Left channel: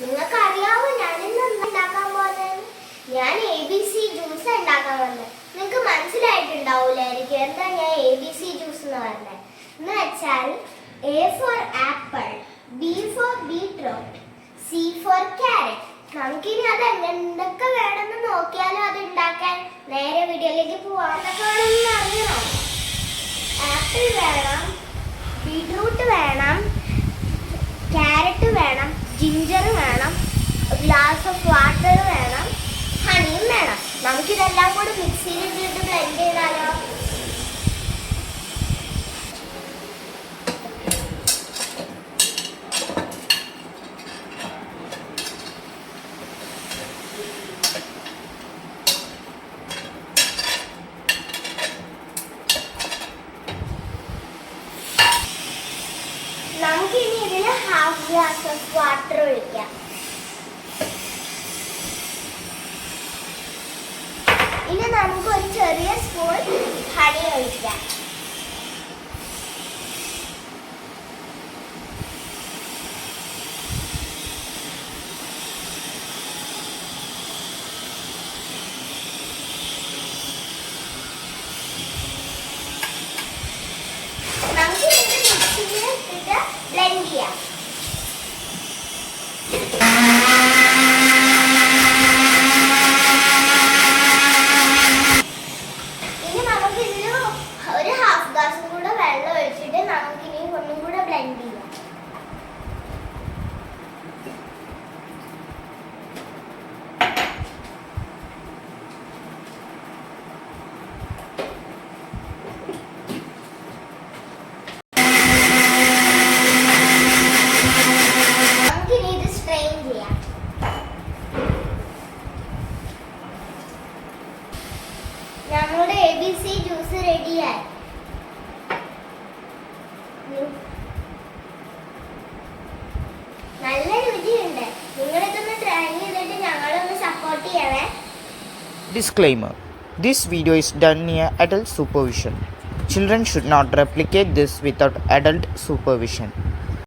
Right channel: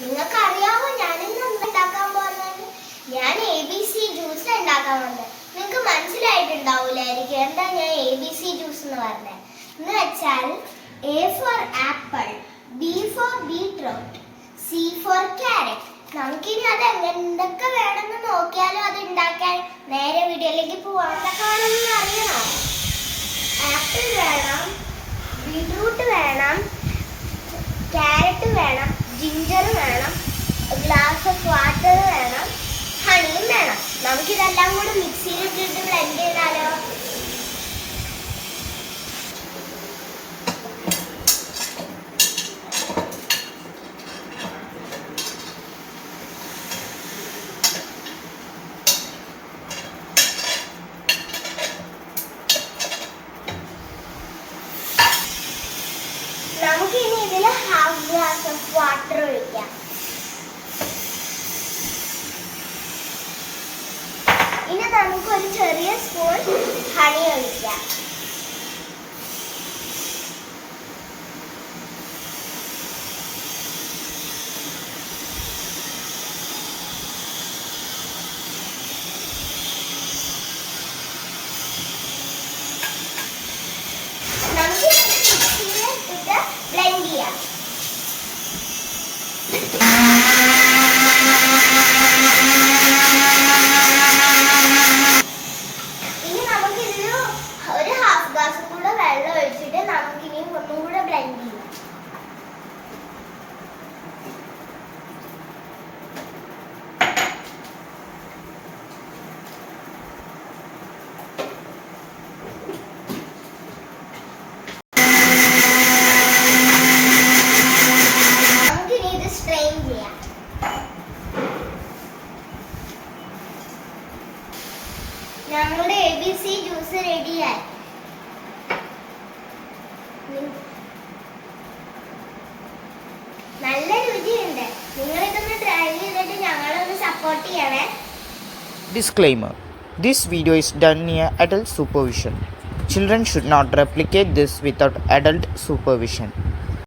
നിങ്ങൾക്കറിയാവോ ഞാനിന്ന് ഉണ്ടാക്കാൻ പോകുന്നത്? ഞാൻ ABC ജ്യൂസ് ഉണ്ടാക്കാൻ വന്നത്. നിങ്ങൾക്ക് മനസ്സിലായിട്ടുണ്ടാവില്ലായിരിക്കും എന്താ ഞാൻ ABC ജ്യൂസ് എന്ന് പറഞ്ഞത്. എന്ന് വെച്ചാൽ A for apple, B for beetroot, C for carrot. നമുക്കിനി അത് എന്തൊക്കെ വേണമെന്ന് നോക്കിയാലോ അത് ഉണ്ടാക്കാൻ. നേരെ വീഡിയോയിലേക്ക് പോവാം. എന്തൊക്കെ വേണമെന്ന് അറിയണം. ആപ്പിൾ വേണം, ബീട്രൂട്ട് വേണം, ക്യാരറ്റ് വേണം, ജിഞ്ചർ വേണം, ഗ്ലാസ് ഓഫ് വാട്ടർ വേണം, ഹണിയും വേണം. നമുക്കിതെല്ലാം കൂടി മിക്സിയിലിട്ടിട്ട് ബ്ലെൻഡ് ചെയ്താലോ? നമുക്കിനി ഇതിൽ ഹാഫ് ഗ്ലാസ് ഓഫ് വാട്ടർ ഒഴിക്കാം. ഇനി നമുക്ക് ഒരു ചെറിയ സ്പൂൺ ഹണി ഒഴിക്കാം. നമുക്ക് മിക്സിയിൽ ഇട്ടിട്ട് ബ്ലെൻഡ് ചെയ്യാം. ഇനി നമുക്കിതിൽ ഒരു ഹാഫ് ഗ്ലാസും കൂടെ വെള്ളം ഒഴിച്ചിട്ട് നമുക്കിനി ഒന്നും കൂടെ ബ്ലെൻഡ് ചെയ്യാം. നമ്മുടെ ABC ജ്യൂസ് റെഡിയായി. നല്ല രുചിയുണ്ട്. നിങ്ങളിതൊന്ന് ട്രൈ ചെയ്തിട്ട് ഞങ്ങളൊന്ന് സപ്പോർട്ട് ചെയ്യണേ. Disclaimer: This video is done near adult supervision. Children should not replicate this without adult supervision.